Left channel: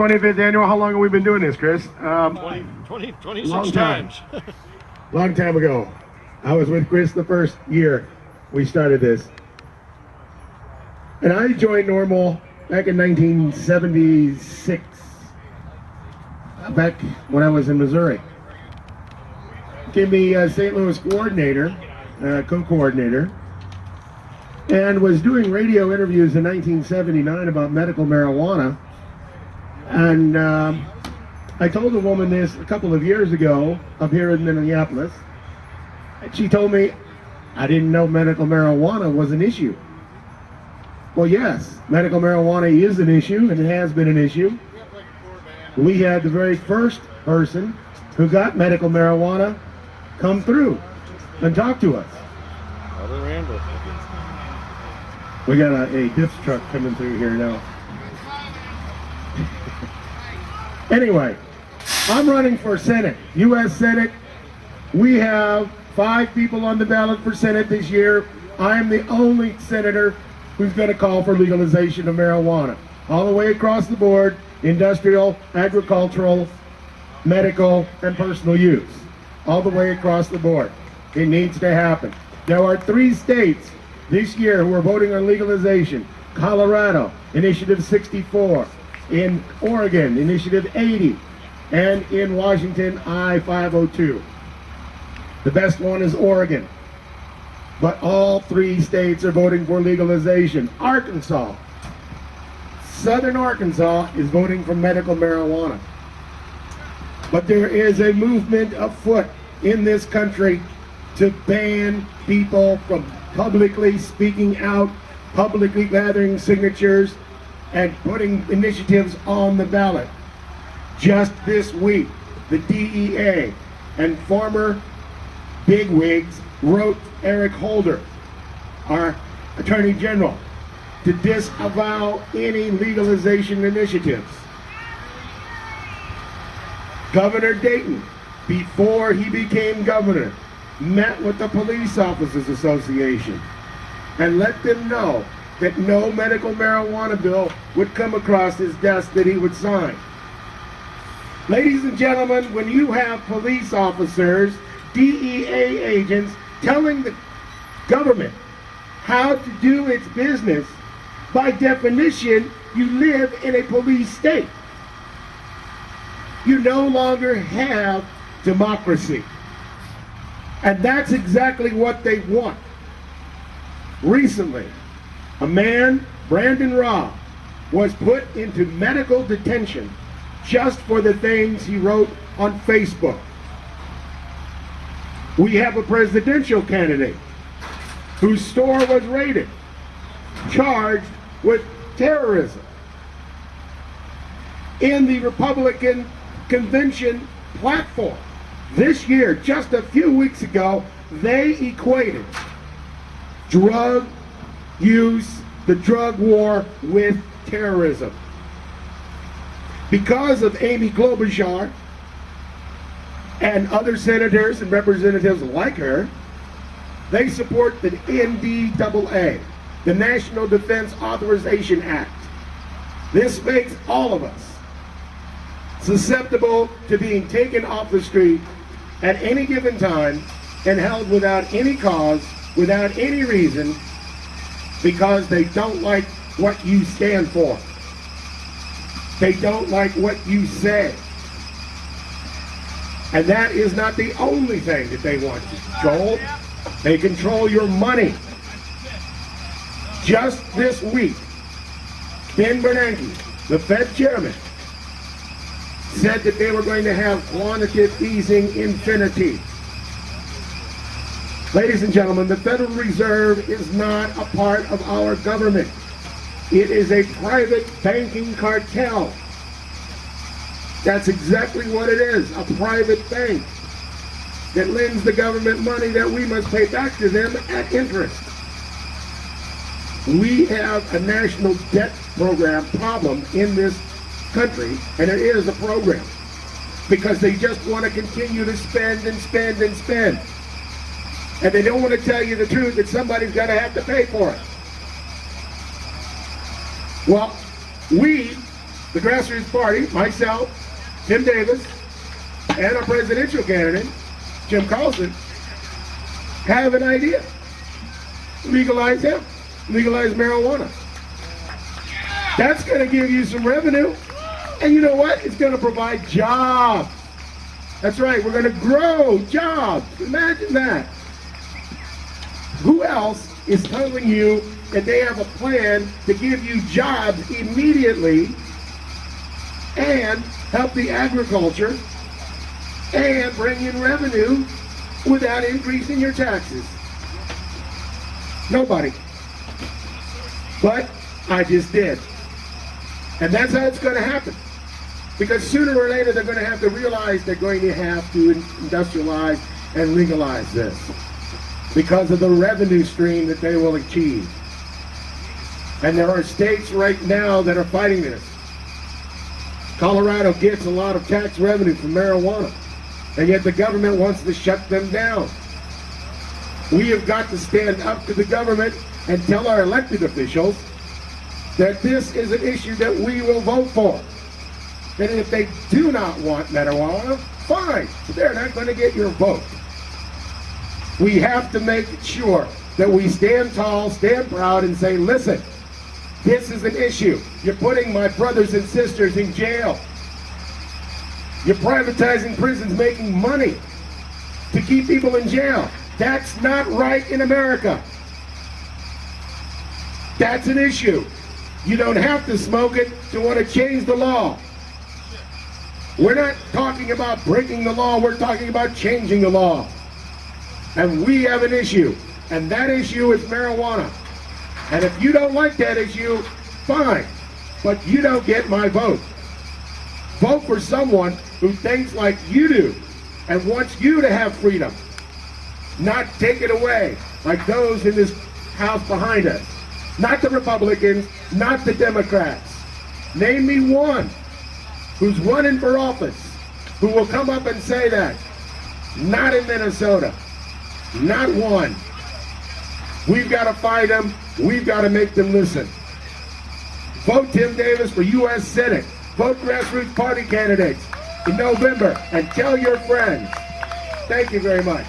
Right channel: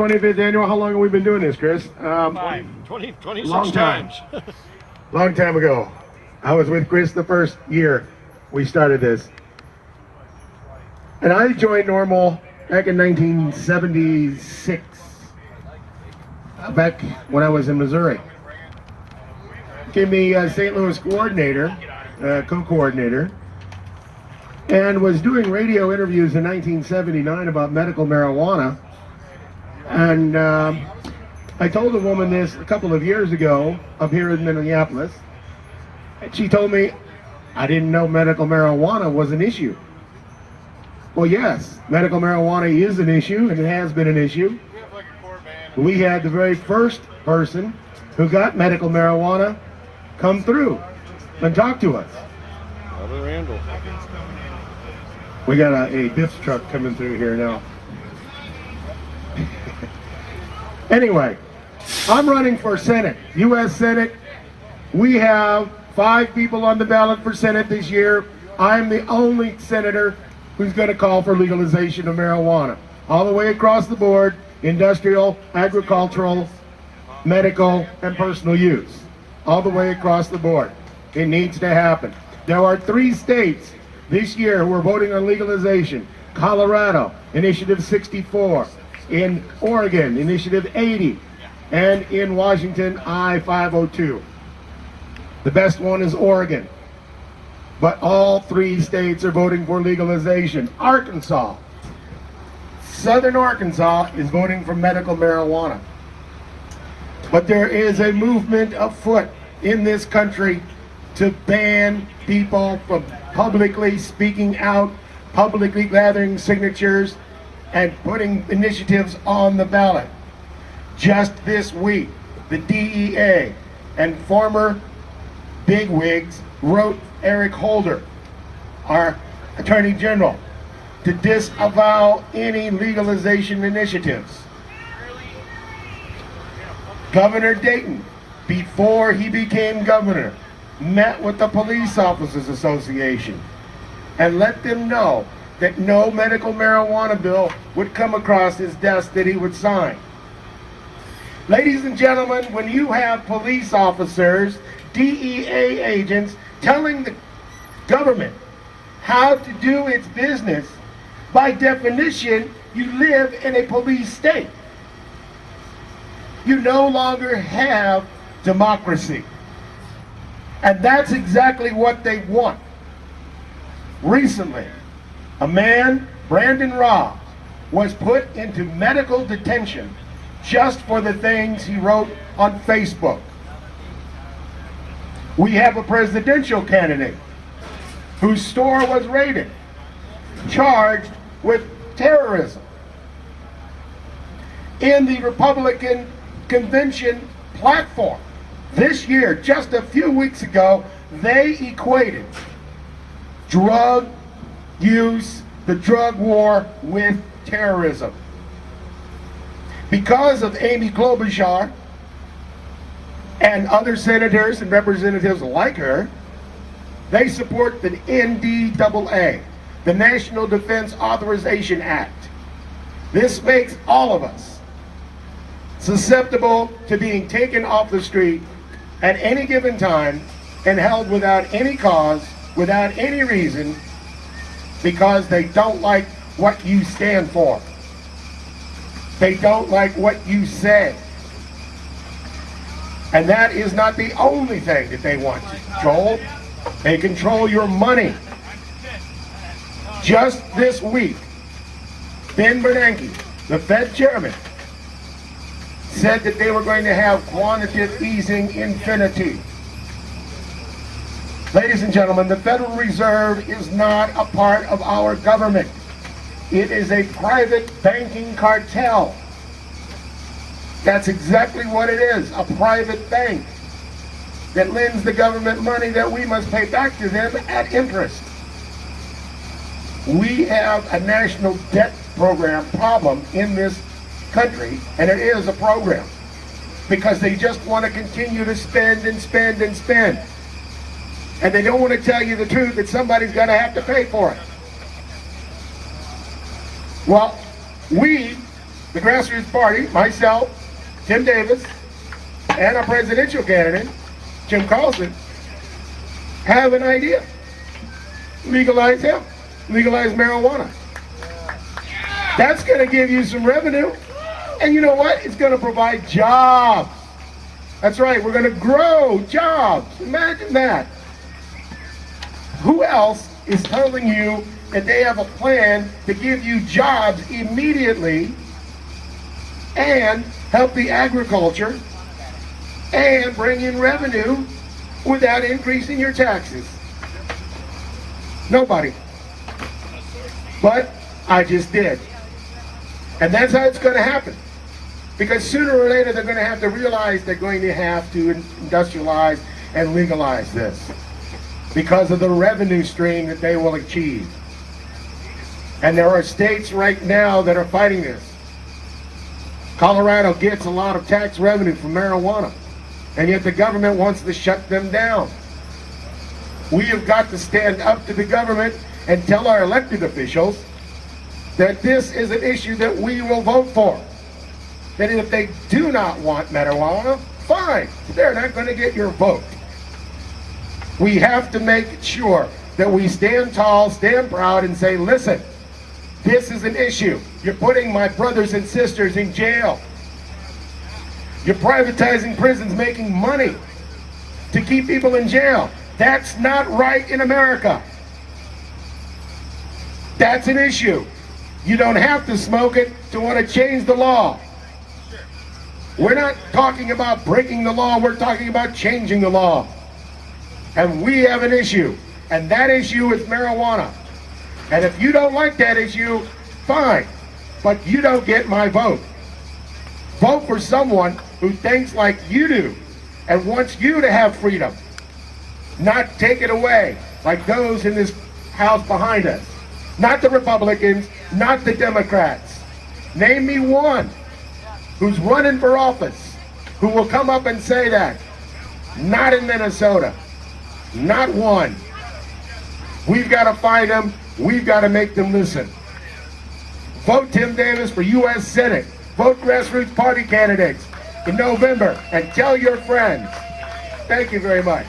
25th annual. How long have we been doing this, Chris? 26 long time. times. Long time ago. I was with Chris the first year we started this. And I joined Normal back in 1976, back when I was in Missouri. Gave me St. Louis coordinator, co-coordinator, and was doing radio interviews in 1979 about medical marijuana. And I told a woman this a couple of years ago up here in Minneapolis, and she told me, I didn't know medical marijuana was an issue. Well, yes, medical marijuana is an issue, and it has been an issue. We had the very first person who got medical marijuana come through and talk to us. Brother Randall. We got a Biff's truck coming through here now. Anyway, I'm running for Senate, U.S. Senate. We have 5 people on the ballot for Senate this year. I'm the only senator who's going to call for legalization of marijuana. All the way across the board, industrial, agricultural, medical, and personal use. All the way across the board. It needs to happen. There are 3 states this year who are voting on legalization. Colorado, Initiative 64. In Oregon, Initiative 80. And in Washington, I-502. The best one is Oregon. But all 3 states are voting for legalization. Arkansas, Southern Arkansas is voting for medical marijuana. But there is a movement afoot in this country to ban people from publicly speaking out, publicly gathering signatures, and putting initiatives on the ballot. Just this week, the DEA and former bigwigs wrote Eric Holder, our Attorney General, to disavow any legalization initiatives. Governor Dayton, before he became governor, met with the Police Officers Association and let them know that no medical marijuana bill would come across his desk that he would sign. Ladies and gentlemen, when you have police officers, DEA agents telling the government how to do its business, by definition, you live in a police state. You no longer have democracy. And that's exactly what they want. Recently, a man, Brandon Raw, was put into medical detention just for the things he wrote on Facebook. We have a presidential candidate whose store was raided, charged with terrorism. In the Republican convention platform this year, just a few weeks ago, they equated drug use, the drug war, with terrorism. Because of Amy Klobuchar and other senators and representatives like her, they support the NDAA, the National Defense Authorization Act. This makes all of us susceptible to being taken off the street at any given time and held without any cause, without any reason, because they don't like what you stand for. They don't like what you say. And that is not the only thing that they want to control. They control your money. Just this week, Ben Bernanke, the Fed chairman, said that they were going to have quantitative easing infinity. Ladies and gentlemen, the Federal Reserve is not a part of our government. It is a private banking cartel. That's exactly what it is, a private bank that lends the government money that we must pay back to them at interest. We have a national debt program problem in this country, and it is a program, because they just want to continue to spend and spend and spend. And they don't want to tell you the truth that somebody's going to have to pay for it. Well, we the grassroots party, myself, Tim Davis, and our presidential candidate, Jim Carlson, have an idea. Legalize hemp. Legalize marijuana. That's going to give you some revenue. And you know what? It's going to provide jobs. That's right. We're going to grow jobs. Imagine that. Who else is telling you that they have a plan to give you jobs immediately and help the agriculture and bring in revenue without increasing your taxes? Nobody. But I just did. And that's how it's going to happen. Because sooner or later they're going to have to realize they're going to have to industrialize and legalize this because of the revenue stream that they will achieve. And there are states right now that are fighting this. Colorado gets a lot of tax revenue from marijuana, and yet the government wants to shut them down. We have got to stand up to the government and tell our elected officials that this is an issue that we will vote for. And if they do not want marijuana, fine. They're not going to get your vote. We have to make sure that we stand tall, stand proud, and say, listen, this is an issue. You're putting my brothers and sisters in jail. You're privatizing prisons, making money to keep people in jail. That's not right in America. That's an issue. You don't have to smoke it to want to change the law. We're not talking about breaking the law, we're talking about changing the law. And we have an issue, and that issue is marijuana. And if you don't like that issue, fine, but you don't get my vote. Vote for someone who thinks like you do and wants you to have freedom, not take it away like those in this house behind us. Not the Republicans, not the Democrats. Name me one who's running for office who will come up and say that. Not in Minnesota. Not one. We've got to find them. We've got to make them listen. Vote Tim Davis for U.S. Senate. Vote grassroots party candidates in November and tell your friends. Thank you very much.